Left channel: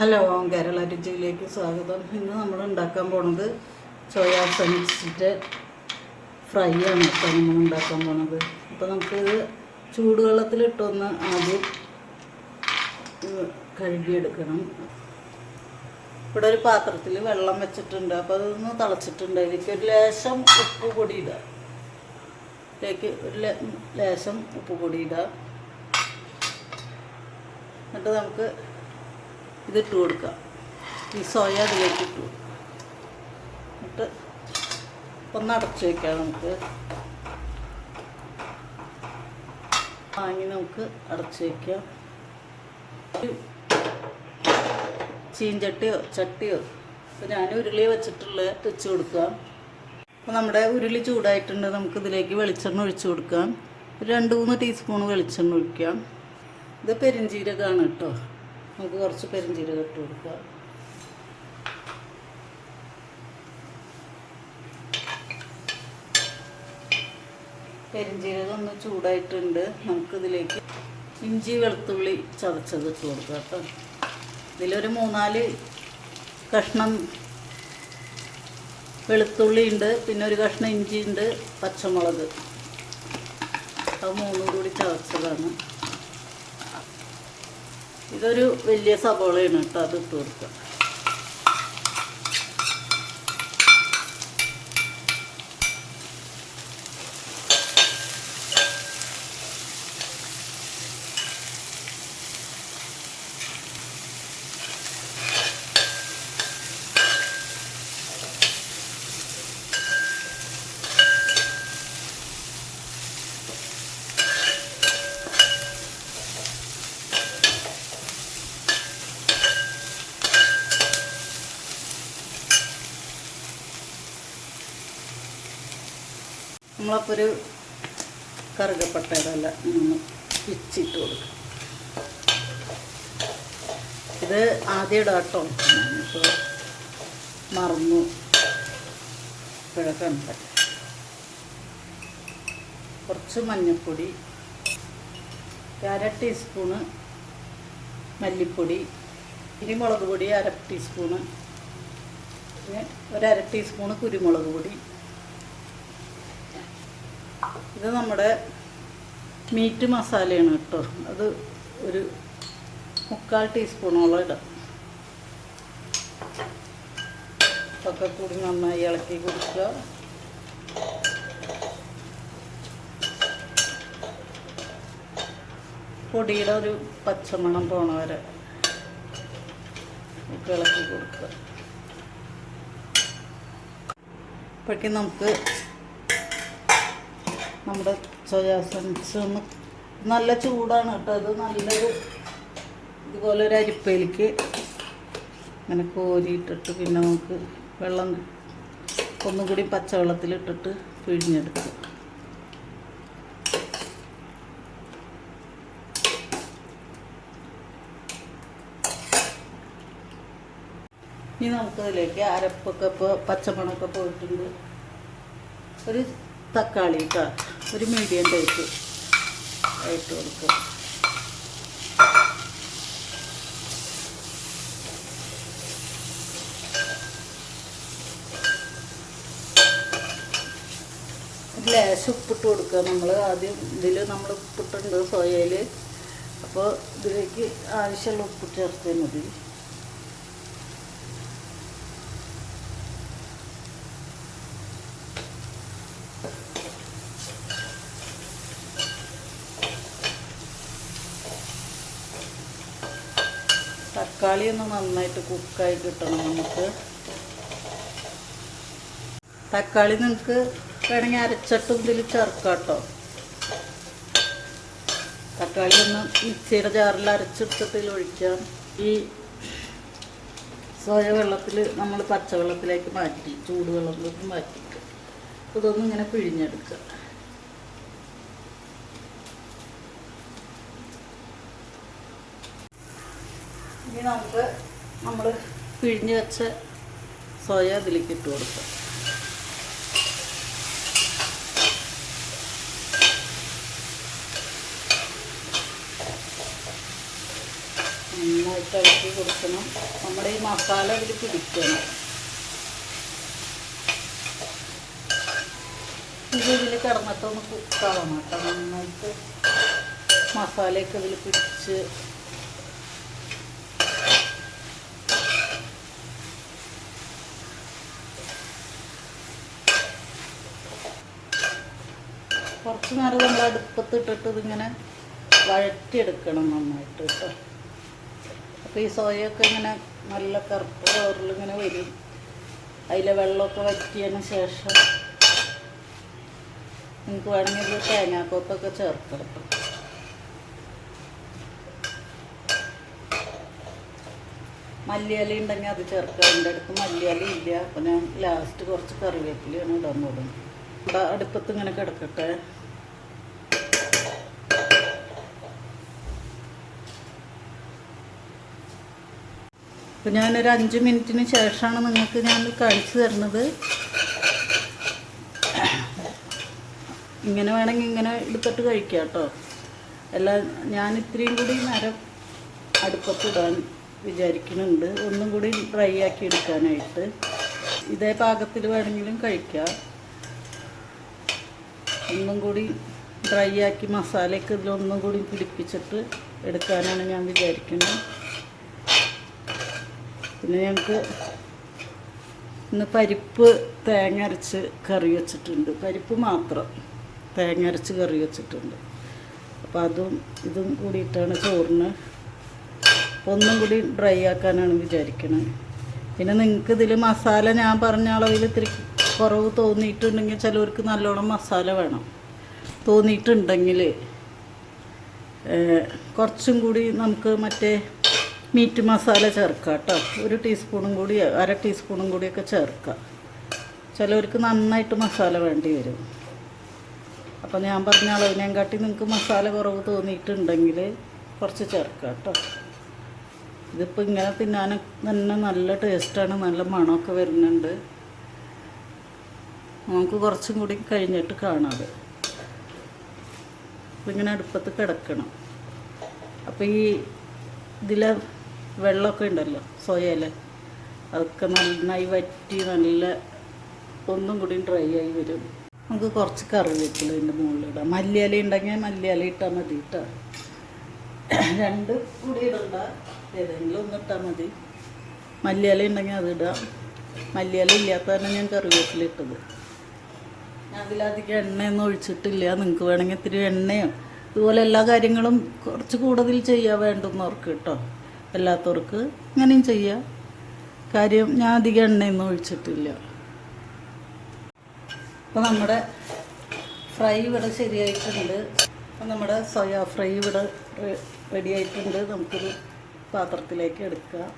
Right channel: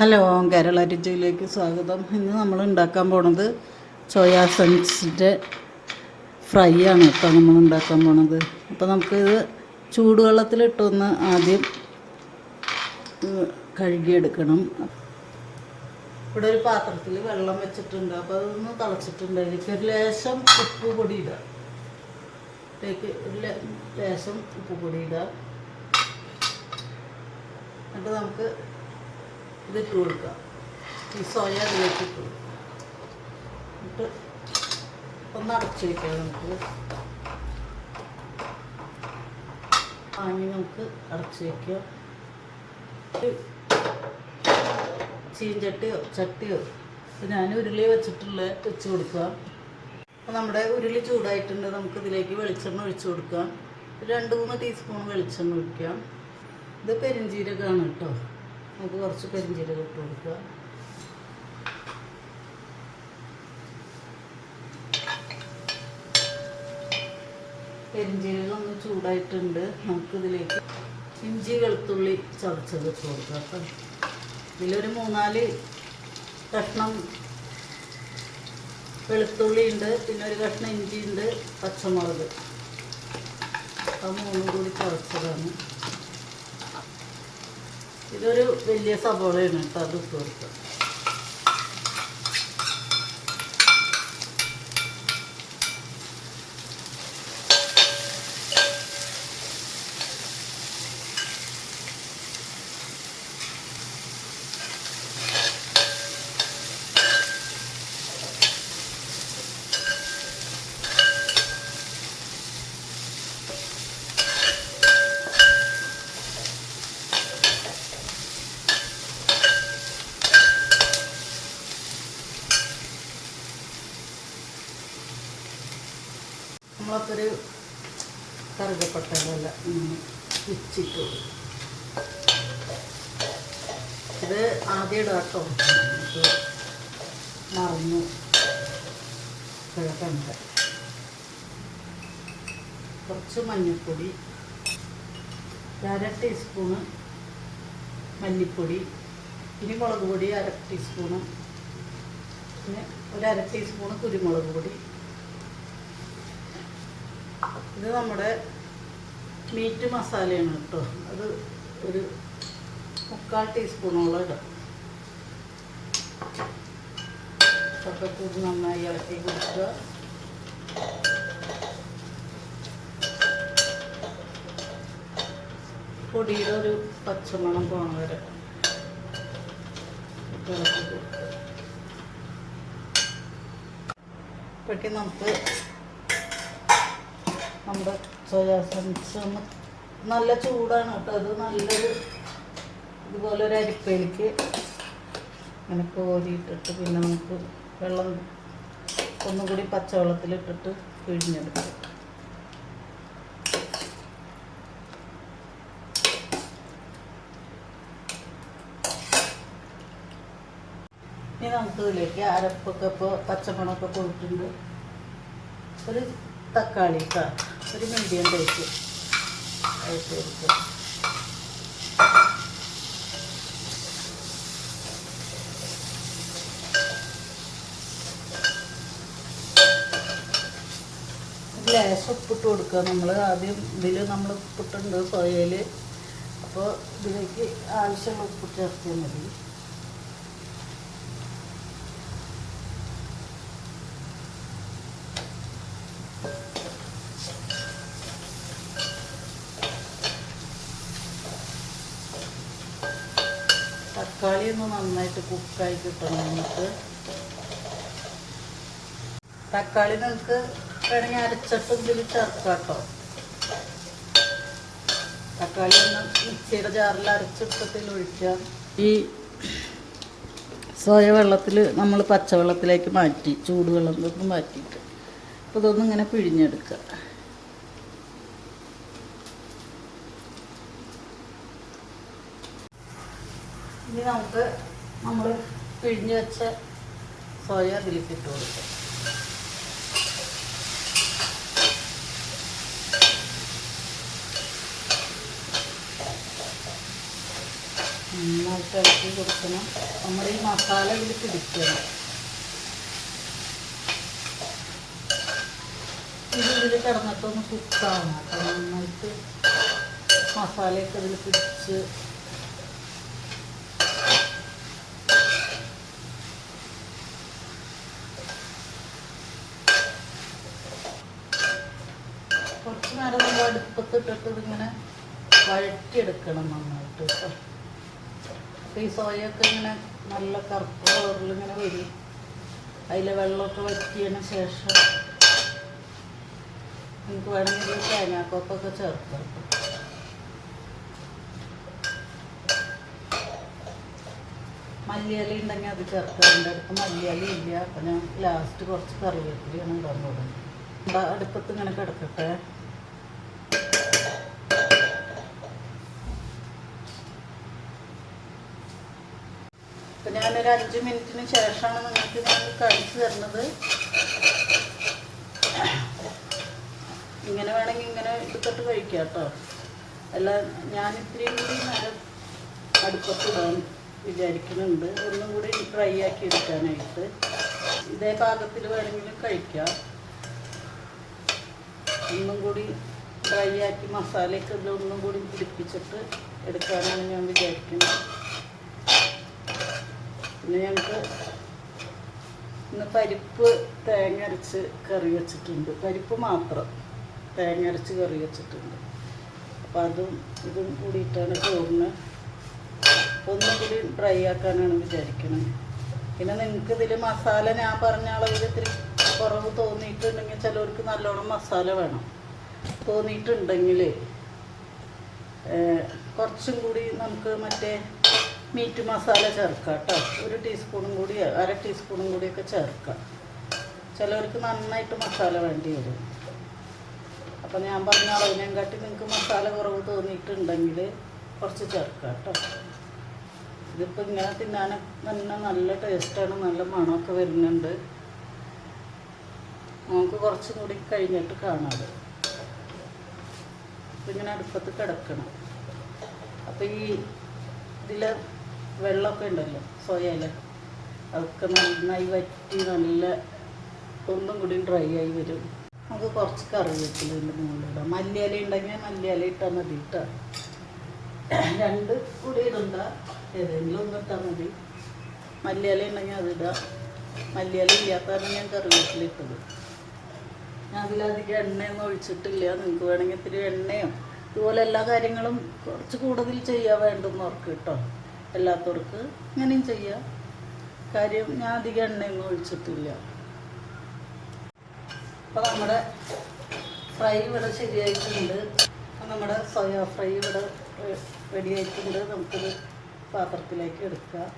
Hello Kerala രുചിയിലേക്ക് സ്വാഗതം. ഇന്ന് നമ്മൾ ഉണ്ടാക്കാൻ പോണത് സോയാ സൺസിന്റെ ഫ്രൈ ആണ് ഇപ്പോൾ നമ്മൾ ഉണ്ടാക്കാൻ പോണത്. അപ്പോൾ നമുക്കിത് ചൂടുവെള്ളത്തിലിട്ടൊന്ന് ആദ്യം കഴുകിയെടുക്കണം. ഇവിടെ ഒരു പാത്രത്തിൽ വെള്ളം വെച്ചിട്ടുണ്ട്. അപ്പോൾ അതൊന്ന് തിളച്ചിട്ടുണ്ട്. എനിക്ക് ഒരു ലേശം ഉപ്പ് പൊടി ഇടാക്ക് ഒരു ലേശം ഉപ്പ് പൊടി ഇടാം. എന്നിട്ട് നമുക്ക് ഇതിട്ട് കൊടുക്കാം ഈ സോയ അതിലേക്ക് ഇട്ടു എന്നിട്ട് ഒന്ന് അടച്ചു വയ്ക്കാം നമുക്ക്. വാങ്ങി നമുക്ക് അടച്ചു വയ്ക്കാം ചീഞ്ചട്ടിയോ ചട്ടിയോ. അപ്പോൾ ഞാൻ ഉരുളി വെച്ചിട്ടുള്ള വെച്ച് കൊടുക്കുക അപ്പോൾ നമ്മുടെ ഉരുളി ചൂടായിട്ടുണ്ട്. നമുക്ക് ഇതിലേക്ക് വെളിച്ചെണ്ണ ഒഴിച്ചു കൊടുക്കാം. രണ്ട് മൂന്ന് ടീസ്പൂൺ വെളിച്ചെണ്ണ ഒഴിക്കാം. ഇത് പെരിഞ്ചീരകമാണ് കേട്ടോ. നമുക്ക് കുറച്ച് പെരിഞ്ചീരകം ഇട്ട് കൊടുക്കുക. പെരിഞ്ചീരകം ഒന്ന് ചൂടായിട്ടുണ്ട്. നമുക്കിതിലേക്ക് ഇഞ്ചി വെളുത്തുള്ളി ചതച്ചത് ഇട്ട് കൊടുക്കുക അപ്പം ഇതിലൊരു മൂന്നാൽ കഷ്ണം വെളുത്തുള്ളി ഉണ്ട്. പിന്നെ ഒരു കഷ്ണം ഇഞ്ചി ഉണ്ട് പച്ചമുളക്. അത് മൂന്നും കൂടി ചതച്ചതാണ്. ഇതൊരു വലിയ സബോളയാണ് കേട്ടോ അത് ഇട്ട് കൊടുക്കാം നമ്മളപ്പോൾ ഒരു കറുകപ്പട്ടയുടെ ഇല ഇങ്ങനെ കൊടുക്കും. ഇത് ആദ്യം ഇടാം കേട്ടോ. മറന്നു. ഇപ്പോഴൊക്കെ കുറച്ച് മഞ്ഞൾപ്പൊടി അര ടീസ്പൂണ് മല്ലിപ്പൊടി ഇനി മുളക് പൊടി അര ടീസ്പൂണ് പിന്നെ ഒരു അര ടീസ്പൂണ് കുരുമുളക് പൊടി. ഇത് നമ്മുടെ മീറ്റ് മസാലയാണ് കേട്ടോ. അത് ഒരു മുക്കാൽ ടീസ്പൂണോളം ഇടാം. ഒക്കെ കൂടി നന്നായി ഇളക്കി കൊടുക്കുക. പൊടിയുടെ ഒരു പച്ചമണം പോണ വരെ ഇളക്കി കൊടുക്കുക. ഇപ്പോഴേക്കും നമുക്ക് നമ്മുടെ സോയാ സൺസ് ഒന്ന് നല്ല ചൂടാണ് കേട്ടോ. അത് നല്ലൊരു ഇതുപോലെ ഒരു അരിപ്പയിലേക്ക് അങ്ങനെ കോരിയിട്ടിട്ട് പിന്നെ നമുക്ക് വെള്ളം ഒന്നും കൂടി പച്ചവെള്ളത്തിലിട്ടിട്ട് പിഴിഞ്ഞെടുക്കും. ഇനി നമുക്കതിലേക്ക് അരപ്പൊക്കെ ഇപ്പോൾ പച്ചമണമൊക്കെ പോയിട്ടുണ്ട് ഒരു തക്കാളി കേട്ടോ ഒരു മീഡിയം ടൈപ്പ് ആയിട്ട് കൊടുക്കുക ലേശം ഉപ്പിട്ട് കൊടുക്കുക നമ്മൾ ആദ്യം ഇതിൽ നമ്മൾ ഉപ്പിട്ടുണ്ട് സോയയിൽ അപ്പോൾ ഇതിലേക്ക് ആവശ്യമുള്ള ഉപ്പ് ചേർത്താൽ മതി. തക്കാളി ഒന്ന് നന്നായിട്ട് കുക്കായി കിട്ടണം നമുക്ക്. തക്കാളി നിങ്ങൾക്ക് വേണമെങ്കിൽ അരച്ചിട്ടും ഇതിൽ ചേർക്കാം കേട്ടോ തക്കാളി ഒന്ന് മിക്സിയുടെ ജാറിൽ അരച്ചിട്ടത്തിൽ ഒഴിക്കാം. ഈ സോയ വെള്ളത്തിൽ നമ്മൾ പച്ചവെള്ളത്തിലേക്ക് മാറ്റി ചൂടുവെള്ളത്തിലേക്ക് മാറ്റിയിട്ട്. അപ്പോൾ ഇതൊന്നും ഇങ്ങനെ പിഴിഞ്ഞെടുക്കുക. ഇനി നമുക്ക് നമ്മൾ പിഴിഞ്ഞ് വെച്ച സോയ അതിലേക്ക് ഇട്ട് കൊടുക്കാം. നന്നായിട്ട് ഇളക്കി കൊടുക്കണം. നമ്മുടെ ഈ മസാല ഇതിൽ പിടിക്കണം. ഇത് ഇതിൽ കിടന്നിട്ടൊന്ന് കുക്കാവണം കേട്ടോ നന്നായിട്ട് മസാലയൊക്കെ ഇതിൽ പിടിച്ച് കുറച്ച് നേരം നമ്മൾ അടുപ്പത്തിട്ടിട്ട് ഇതിങ്ങനെ വഴറ്റിയെടുക്കണം നന്നായിട്ട് അപ്പോൾ ഈ സോയൊക്കെ ഇങ്ങനെ നല്ല കറുത്ത കളറിലിങ്ങനെ വരും. അതിലെ വെള്ളമൊക്കെ വറ്റിയതിന് ശേഷം നിങ്ങൾക്ക് വേണമെങ്കിൽ തേങ്ങാക്കൊക്കെ ചേർക്കാം കേട്ടോ. മല്ലിയില ഉണ്ടെങ്കിൽ അത് ചേർക്കാം. എന്റെ അടുത്ത് മല്ലിയില ഇല്ല. അപ്പം ഞാൻ ലാസ്റ്റ് കുറച്ച് കറിവേപ്പിലയാണ് ഇടാൻ പോകുന്നത്. അടുപ്പത്ത് ഇങ്ങനെ കിടക്കട്ടെ. അപ്പം ഞാനൊരു അഞ്ച് മിനിറ്റിന് ശേഷമാണ് നിങ്ങൾക്ക് ഞാൻ കാണിച്ചു തരുന്നത്. ഇങ്ങനെ വേണമെങ്കിൽ ഇങ്ങനെ എടുത്തിട്ട് കഴിക്കാം കേട്ടോ. അല്ല ഞാൻ ഇത്രയും കൂടി നേരം അടുപ്പത്തിടാൻ വിചാരിക്കുന്നുണ്ട്. ഒന്നും കൂടി ഫ്രൈ ആക്കി എടുക്കാനായിട്ട്. ഇതേ പാകത്തിൽ വേണമെങ്കിലും കഴിക്കാം. ഒന്നും കൂടി ഡ്രൈ ആക്കി മസാലയൊക്കെ ഇതിലൊന്നും കൂടി പിടിപ്പിച്ചിട്ട് എടുക്കാനാണ് ഞാൻ വിചാരിക്കുന്നത്. പിന്നെ ഞങ്ങൾക്ക് ഇന്ന് പരിപ്പ് തേങ്ങ അരച്ച് കറി വെച്ചിട്ടുണ്ട്. പരിപ്പ് മാത്രം തേങ്ങ അരച്ച് കറി വെച്ചിട്ടുണ്ട്. അപ്പോൾ അതും ഇതും കൂടിയിട്ടാണ് ചോറിന്. അപ്പോൾ ഒന്നും കൂടി ഡ്രൈ ആക്കാനാണ് വിചാരിക്കുന്നത് പിന്നെ നിങ്ങൾക്ക് ഇതിൽ മസാല ഞാൻ പറഞ്ഞ അളവിൽ ഇത്തിരി കുറവ് തോന്നിയിട്ടുണ്ടെങ്കിൽ ചിലവർക്ക് നല്ലോണം മസാല വേണം. തോന്നിയിട്ടുണ്ടെങ്കിൽ കുറച്ചും കൂടി നമുക്ക് മറ്റേ മീറ്റ് മസാല ചേർക്കുക കേട്ടോ. ഒരു ടീസ്പൂണും കൂടി അര ടീസ്പൂണും കൂടിയൊക്കെ ചേർക്കുക. ചിലവർക്ക് നന്നായിട്ട് മസാല വേണ്ടി വരും. അപ്പോൾ ഞാൻ പറഞ്ഞ അളവിനേം കാട്ടി നിങ്ങൾക്ക് മസാല കുറവ് തോന്നിയിട്ടുണ്ടെങ്കിൽ കുറച്ച് ചേർക്കുക കേട്ടോ. ഇതിപ്പോൾ ഇങ്ങനെ തിന്നാൻ തന്നെ നല്ല ടേസ്റ്റാണ് നല്ല മണമൊക്കെ വരുന്നുണ്ട്. നമുക്ക് കുറച്ചും കൂടി കഴിഞ്ഞിട്ട് കാണാതെ ഇങ്ങനെ അടുപ്പത്ത് കിടക്കണം. അപ്പോൾ ഈ ഇതിലെ വെള്ളമൊക്കെ ഉണ്ടല്ലോ സോയയില അതൊക്കെ നന്നായി വറ്റി നല്ല ഒന്നും കൂടി ഡ്രൈ ആയി വരും. നമുക്ക് കുറച്ച് കറിവേപ്പില ഇതിന്റെ മുകളിലിടാം മല്ലിയില ഉണ്ടെങ്കിൽ മല്ലിയില ഇട്ടാൽ മതി കേട്ടോ രണ്ട് കൂടി ഇടണ്ട. ഏതെങ്കിലും ഒന്ന് ഇട്ടാൽ മതി. മല്ലിയില ഉണ്ടെങ്കിൽ അതിടാം മല്ലിയില ഇല്ലാത്തതാണ് ഞാൻ കറിവേപ്പില ഇട്ടത്. അതിലധികം എണ്ണയൊന്നും ഒഴിച്ചിട്ടില്ല. നിങ്ങൾക്ക് വേണമെങ്കിൽ ഇത്തിരി എണ്ണയോ ഇതുപോലെ എല്ലാ കാര്യങ്ങളും കുറച്ച് കൂടുതൽ ചെയ്യാൻ വേണ്ടുന്നവർക്ക് കേട്ടോ അല്ലാത്തവർക്ക് അങ്ങനെയും ചെയ്യാം. കാര്യം ഞാൻ അധികം എണ്ണയൊന്നും ഒഴിച്ചിട്ടില്ല. അപ്പോൾ നമ്മുടെ ഫ്രൈ ഇവിടെ ശരിയായിട്ടുണ്ട്. നമ്മുടെ സോയാ ഫ്രൈ ഇവിടെ റെഡി ആയിട്ടുണ്ട്. നമുക്കൊരു പാത്രത്തിലേക്ക് എടുക്കാം.